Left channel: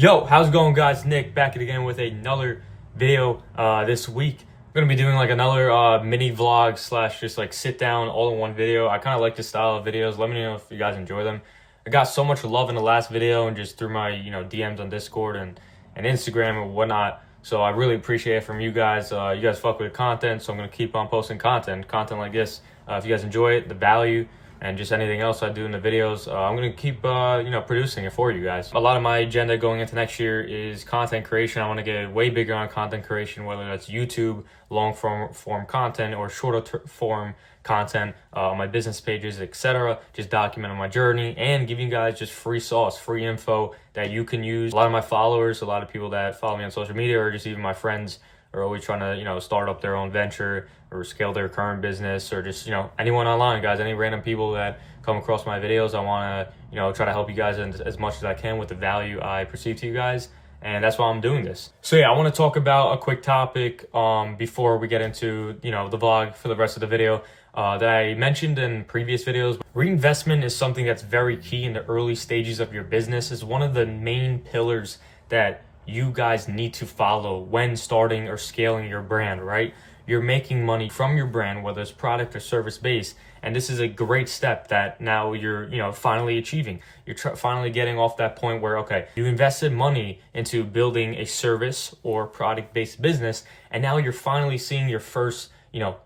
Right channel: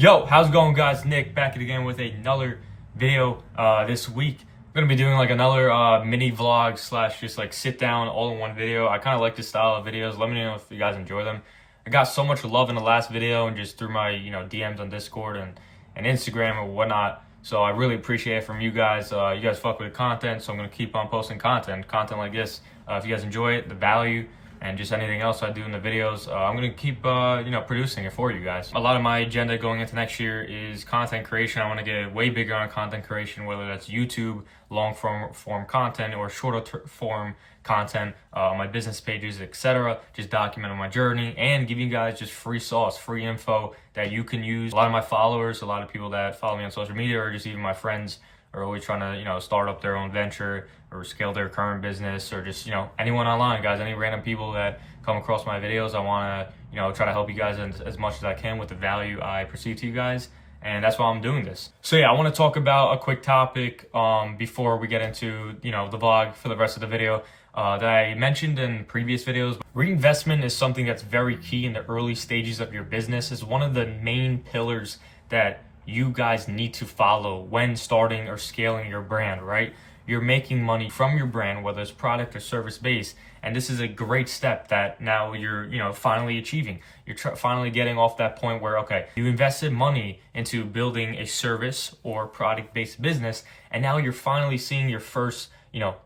Yo, how's it going, guys? Nick back again with another video this week. I'm gonna be doing like another mini vlog slash just like sit down all in one video. I kind of like this style of videos. Let me know if you guys enjoy them. I got so much love in the last video and just through my DMs on Discord and Instagram and whatnot. So I really appreciate it from you guys. You guys fuck with the content, so I'm gonna keep on posting content like this. If you guys enjoy it, the value, and just anything else I do in the videos, I'm gonna keep producing it for you guys. A lot of my agenda going into next year is content creation. I want to get way bigger on content creation, whether that's YouTube long form content or shorter form content on my business pages, etc. Just documenting my journey and giving you guys just free sauce, free info that you can use. A lot of my followers, a lot of people that follow me on social media, or just even my friends, are always trying to start up their own venture or scale their current business, or just anyone online, guys, any random people that come across my videos. I want to try to help you guys as much as I can with the value I perceive to you guys, and that's why I'm doing this. So yeah, I want to talk about a quick topic before we get into the vlog for the rest of the video that I mentioned in previous videos. Reinvestment is something that's very key in the early stages of your business. It's one of the main pillars that you guys need to follow when starting or scaling your brand, right? You're making money from your brand, whether it's product or service based, and this is a great step that now you're finally achieving. You're finally getting off that point where, okay, you invested money into building a service or product based business, and now you're finally seeing your first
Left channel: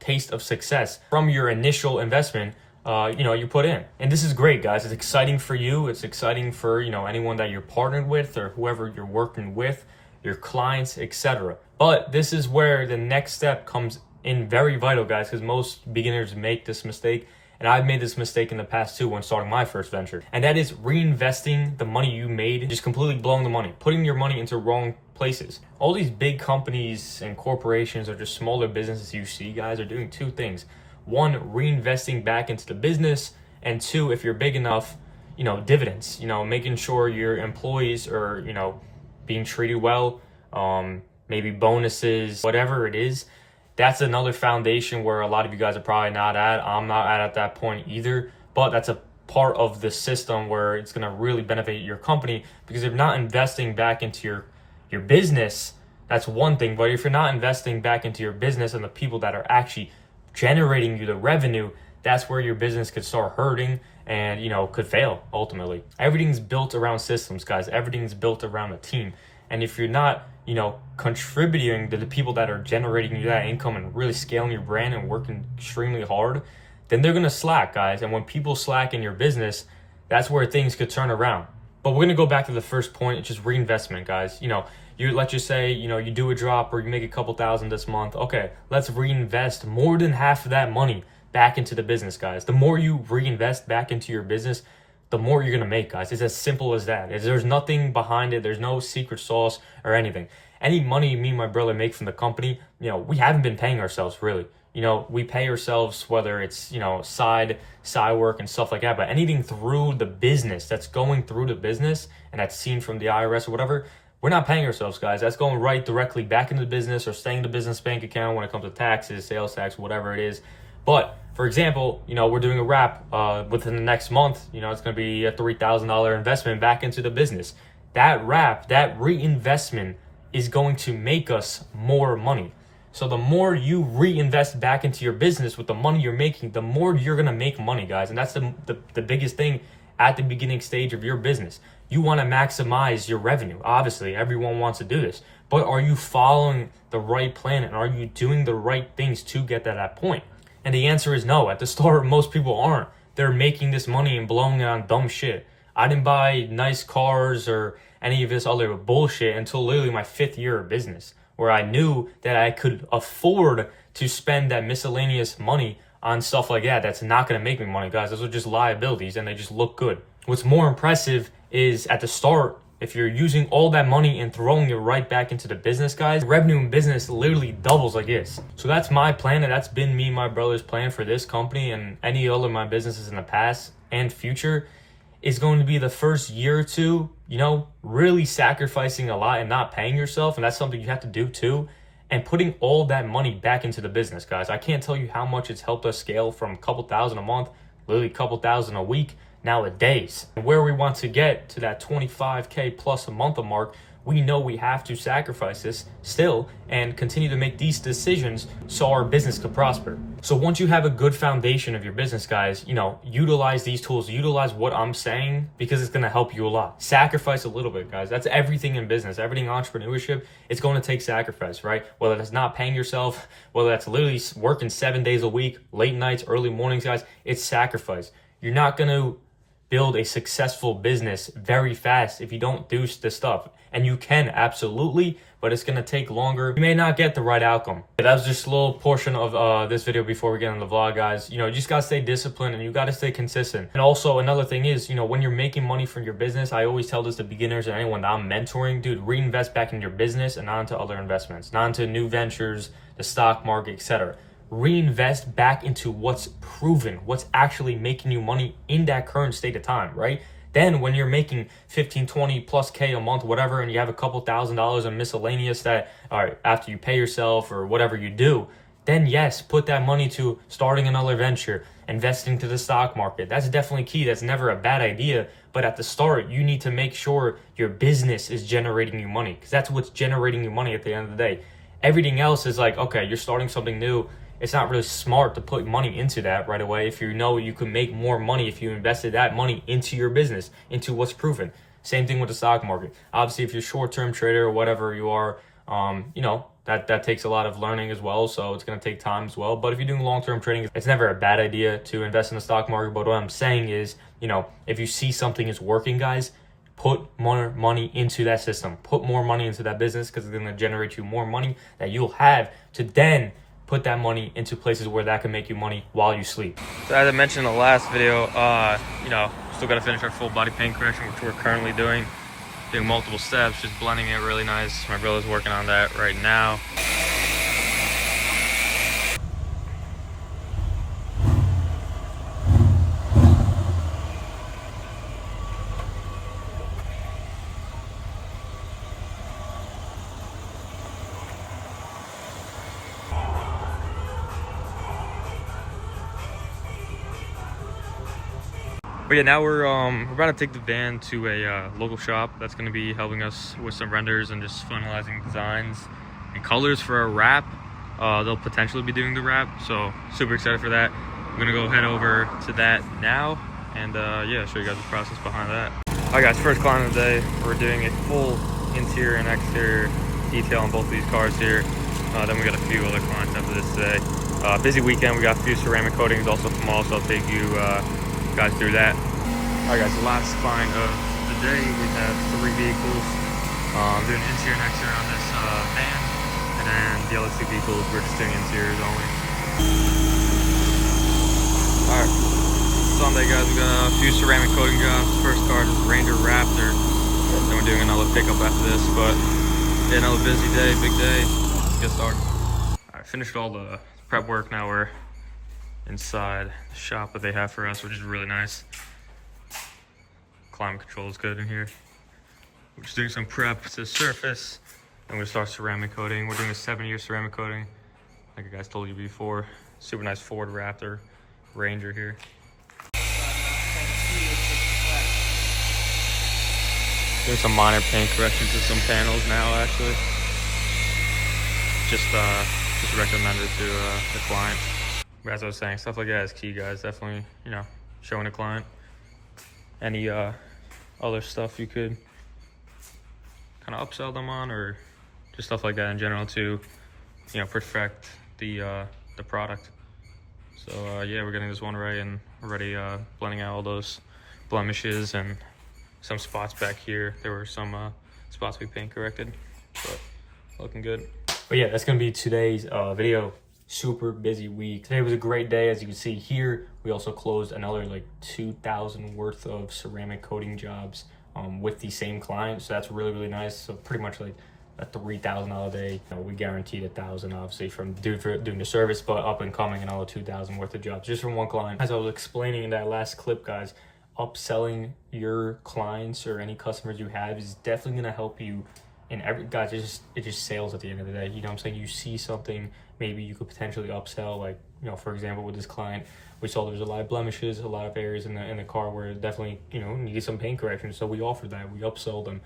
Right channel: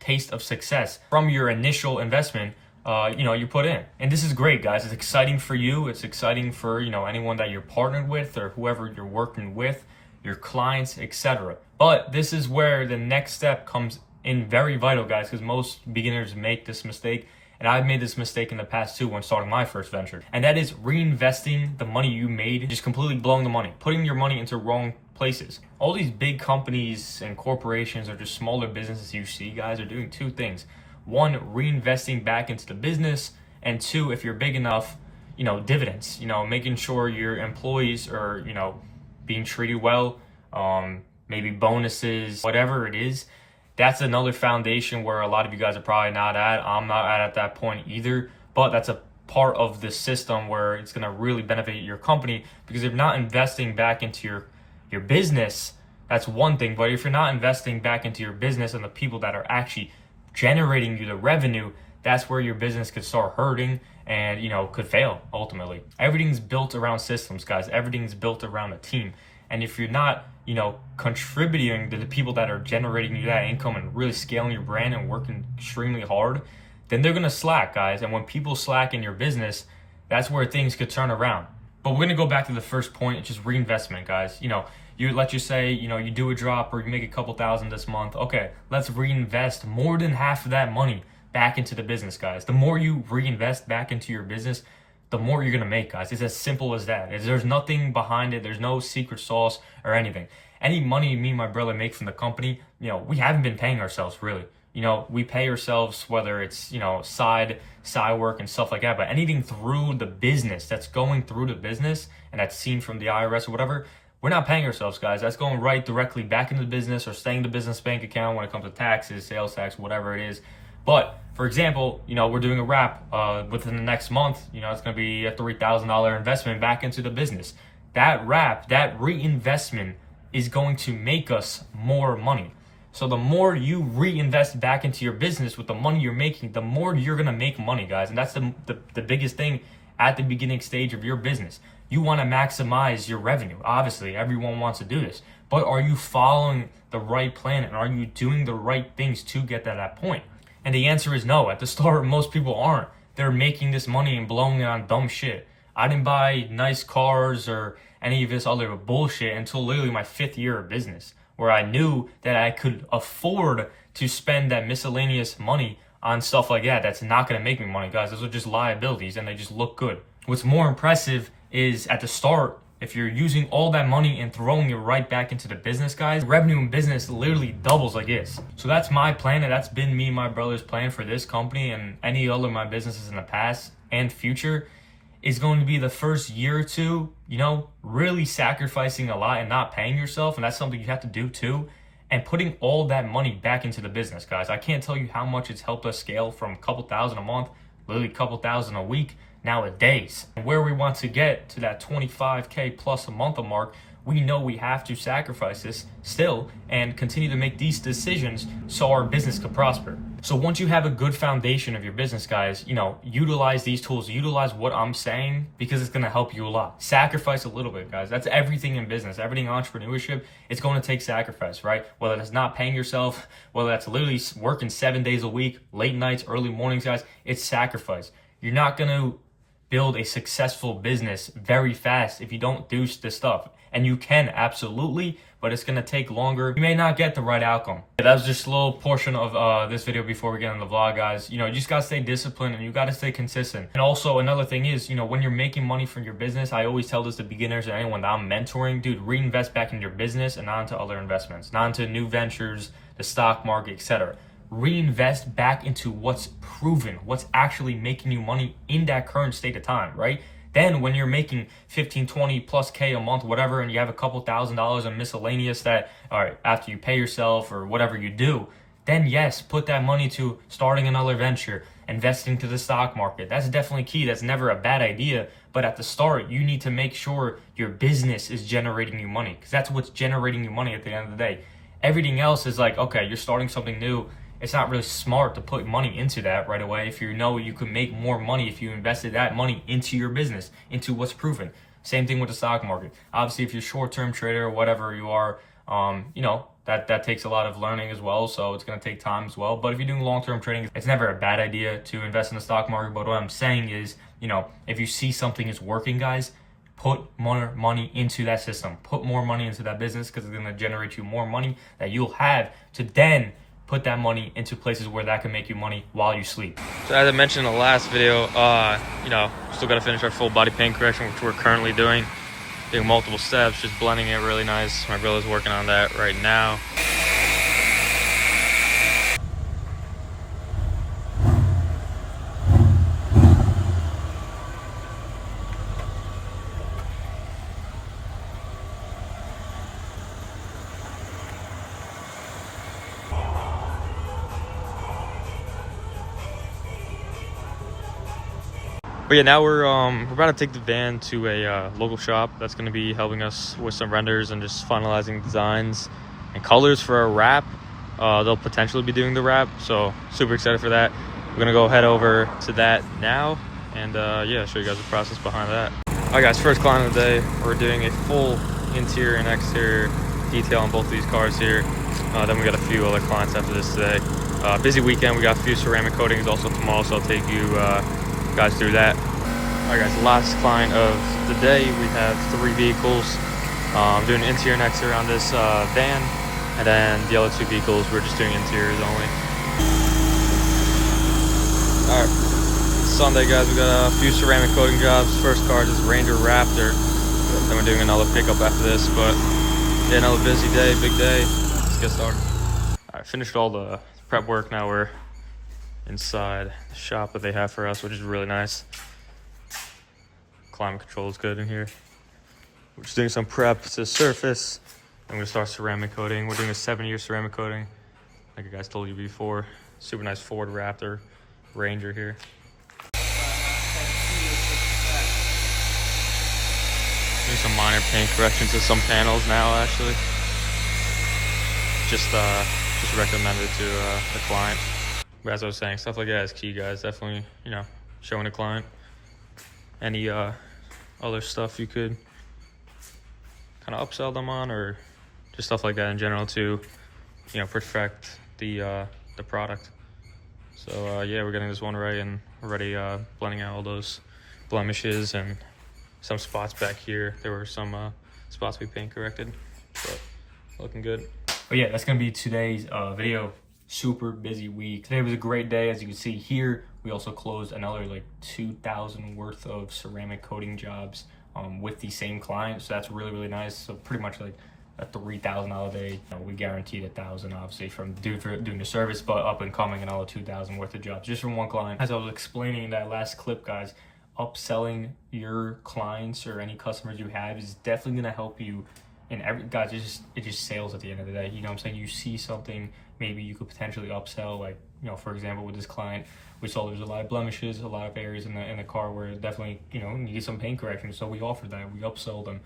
taste of success from your initial investment you put in. And this is great, guys. It's exciting for you. It's exciting for anyone that you're partnered with or whoever you're working with, your clients, etc. But this is where the next step comes in very vital, guys, because most beginners make this mistake, and I've made this mistake in the past too when starting my first venture, and that is reinvesting the money you made, just completely blowing the money, putting your money into wrong places. All these big companies and corporations or just smaller businesses you see, guys, are doing two things. One, reinvesting back into the business, and two, if you're big enough, dividends, making sure your employees are, being treated well, maybe bonuses, whatever it is. That's another foundation where a lot of you guys are probably not at. I'm not at that point either, but that's a part of the system where it's going to really benefit your company, because if you're not investing back into your business, that's one thing. But if you're not investing back into your business and the people that are actually generating you the revenue, that's where your business could start hurting and could fail ultimately. Everything's built around systems, guys. Everything's built around a team, and if you're not contributing to the people that are generating you that income and really scaling your brand and working extremely hard, then they're gonna slack, guys. And when people slack in your business, that's where things could turn around. But we're gonna go back to the first point. It's just reinvestment, guys. Let's just say you do a drop or you make a couple thousand this month. Okay, let's reinvest more than half of that money back into the business, guys. The more you reinvest back into your business, the more you're gonna make, guys. It's as simple as that. There's nothing behind it. There's no secret sauce or anything. Any money me and my brother make from the company, we haven't been paying ourselves really. We pay ourselves whether it's side work and stuff like that, but anything through the business that's going through the business and that's seen from the IRS or whatever, we're not paying ourselves, guys. That's going right directly back into the business or staying in the business bank account when it comes to taxes, sales tax, whatever it is. But for example, we're doing a wrap within the next month. It's going to be a $3,000 investment back into the business. That wrap, that reinvestment is going to make us more money. So the more you reinvest back into your business with the money you're making, the more you're going to make money, guys. And that's the biggest thing at the beginning stage of your business. You want to maximize your revenue. Obviously, everyone wants to do this. But are you following the right plan, and are you doing the right things to get to that point? And the answer is no. At the start, most people aren't. They're making this money and blowing it on dumb shit. I didn't buy nice cars or any of this other bullshit until literally my 5th year of business, where I knew that I could afford to spend that miscellaneous money on stuff like that. That's not going to make me money, guys. Those are just liabilities, and they just look good. What's more impressive is at the start, if you're using all that money and throwing it right back into the business, guys, revenue in business literally doubles like this. So that's my plan, and that's been me and my brother's plan for this company and any other of my businesses in the past and future, is going to be the first year or two, really sacrificing a lot and not paying yourself. And that's something you have to do too. And putting all that money back into the business, guys. I can't tell you how much it's helped us scale from a couple thousand a month, literally a couple thousand a week, nowadays. And where we want to get to that 25K plus a month mark, we know we have to sacrifice this still and continue to make these decisions so our business could prosper. So once you have a good foundation of your business, guys, utilize these tools, utilize what I'm saying, because it's going to help you a lot. Sacrifice a little bit, guys. That's everything in business, everything in entrepreneurship. It's going to take sacrifice, right? Whether that's not paying yourself, whether that's literally working 7 days a week, late nights, early mornings, guys, it's sacrifice. You're not going to build a successful business very fast if you don't do this stuff. And you can, absolutely, but it's going to take longer. You may not get the right outcome. That was just a little portion of this video before we get on the vlog, guys. You just got to stay disciplined and you got to stay consistent. And also another thing is, when you're making money from your business, I always tell this to beginners and anyone that I'm mentoring, dude, reinvest back in your business and not into other investments, not into new ventures, the stock market, etc. Reinvest back into what's proven, what's actually making you money in that current state of time, right? Then when you're making 15, 20 plus K a month, whatever, and you have a couple $1,000s in miscellaneous that, all right, after you pay yourself or whatever you do, then yes, put that money to starting another venture, investing to the stock market. That's definitely key. That's never a bad idea. But at the start, you need to make sure your business is generating you money, because that's what's generating you money at the end of the day. Everything else is like, okay, you're starting something new. It's not really smart to put money into that right away if you know you can make more money if you invested that money into your business, into what's proven. Same thing with the stock market. Obviously, if you're a short-term trader or whatever you are, that takes a lot of learning as well, so it's going to take time as well. But if you're doing long-term trading, it's never a bad idea to invest in the stock market. But what I'm saying is, if you see something is working, guys, put more money into that system. Put more money into that business, because it's going to generate you more money that you'll have to then put that money into places where that can make you money while you sleep. So as I mentioned in the last video, still got to finish our full body paint correction, which we're currently doing multiple steps, just blending it really nice. My brother's working on that right now. But yeah, now we're about to take the van to a local shop that's going to be helping us with some renders and just finalizing designs and colors for our wrap. They'll potentially be doing the wrap, so super excited for that. We're going to head over to that now and yeah, show you guys the process behind that. All right, guys, first client of the day. We're doing a full interior and exterior detail on both of these cars here. Then we got a few other clients after this today. Busy weekend. We got a few ceramic coatings also tomorrow, so I'll take you guys through that. All right, guys, last client of the day. We have 3 vehicles. I'm doing interior and exterior on this van, and then the other 2 vehicles we're just doing interiors only. All right, Sunday, guys, we got a few ceramic coating jobs. First car is Ranger Raptor. Then we're doing another pickup after this, but yeah, another busy day, big day. Let's get started. All right, finished all the prep work. Now we're inside the shop that they have for us, which is really nice. Climate control is good in here. We're just doing some prep to the surface. I'm gonna start ceramic coating. We're doing a 7-year ceramic coating, like I guys told you before. Super nice Ford Raptor Ranger here. Doing some minor paint corrections to some panels now, actually. Just recommended to the client. But as I was saying, stuff like that is key, guys. Definitely, showing the client any other stuff you could kind of upsell them on, or just stuff like that in general to, perfect the product. So yeah, we're getting this one right and already blending out all those blemishes and some spots back here. There were some spots we paint corrected, but looking good. But yeah, that's gonna be today's video. Super busy week. Today was a great day. As you can see here, we also closed another like 2,000 worth of ceramic coating jobs with the same client, so that's really, really nice. So pretty much like a $3,000 day. We guaranteed 1,000 obviously from doing the service, but up and coming another 2,000 worth of jobs just from one client. As I was explaining in that last clip, guys, upselling your clients or any customers you have is definitely going to help you And guys, it's just sales at the end of the day. You know what I'm saying? You see something, maybe you could potentially upsell. Like, you know, for example, with this client, we saw there's a lot of blemishes, a lot of areas in the car where it definitely, you know, needed some paint correction. So we offered that. We upsold them,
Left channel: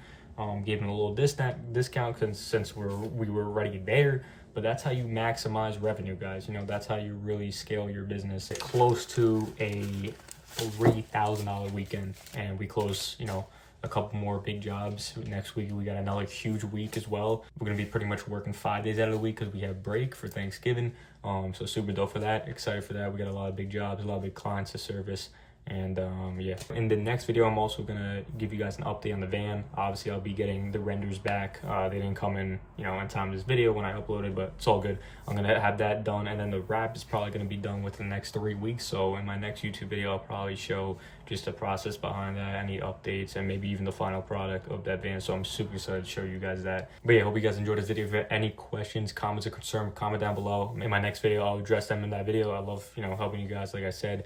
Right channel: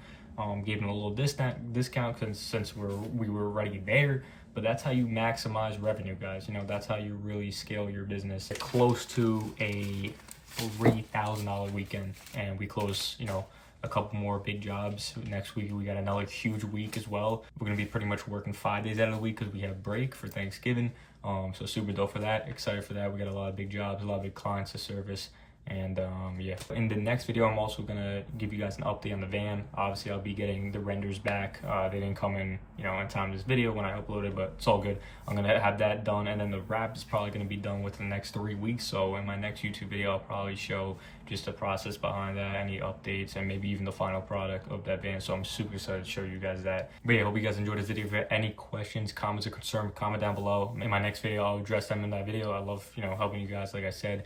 gave them a little discount since we were already there. But that's how you maximize revenue, guys. You know, that's how you really scale your business. Close to a $3,000 weekend, and we close, you know, a couple more big jobs. Next week we got another huge week as well. We're gonna be pretty much working 5 days out of the week because we have break for Thanksgiving. So super dope for that. Excited for that. We got a lot of big jobs, a lot of big clients to service. And yeah, in the next video, I'm also gonna give you guys an update on the van. Obviously, I'll be getting the renders back. They didn't come in, you know, in time this video when I uploaded, but it's all good. I'm gonna have that done, and then the wrap is probably gonna be done within the next 3 weeks. So in my next YouTube video, I'll probably show just the process behind that, any updates, and maybe even the final product of that van. So I'm super excited to show you guys that. But yeah, hope you guys enjoyed this video. If you have any questions, comments, or concerns, comment down below. In my next video, I'll address them in that video. I love, you know, helping you guys, like I said.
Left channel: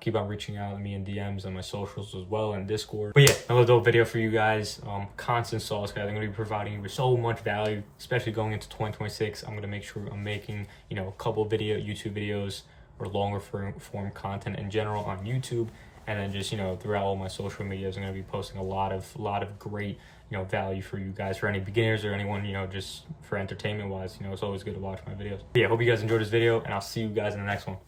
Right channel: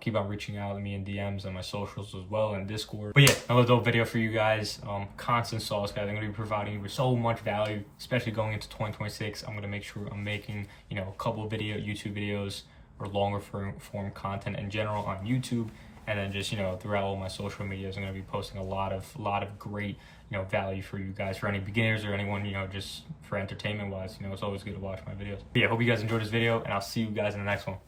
Keep on reaching out to me in DMs on my socials as well, and Discord. But yeah, another dope video for you guys. Constant sauce, guys. I'm gonna be providing you with so much value, especially going into 2026. I'm gonna make sure I'm making, you know, a couple of YouTube videos or longer form content in general on YouTube, and then just, you know, throughout all my social medias, I'm gonna be posting a lot of great, you know, value for you guys, for any beginners or anyone, you know, just for entertainment wise. You know, it's always good to watch my videos. But yeah, hope you guys enjoyed this video, and I'll see you guys in the next one.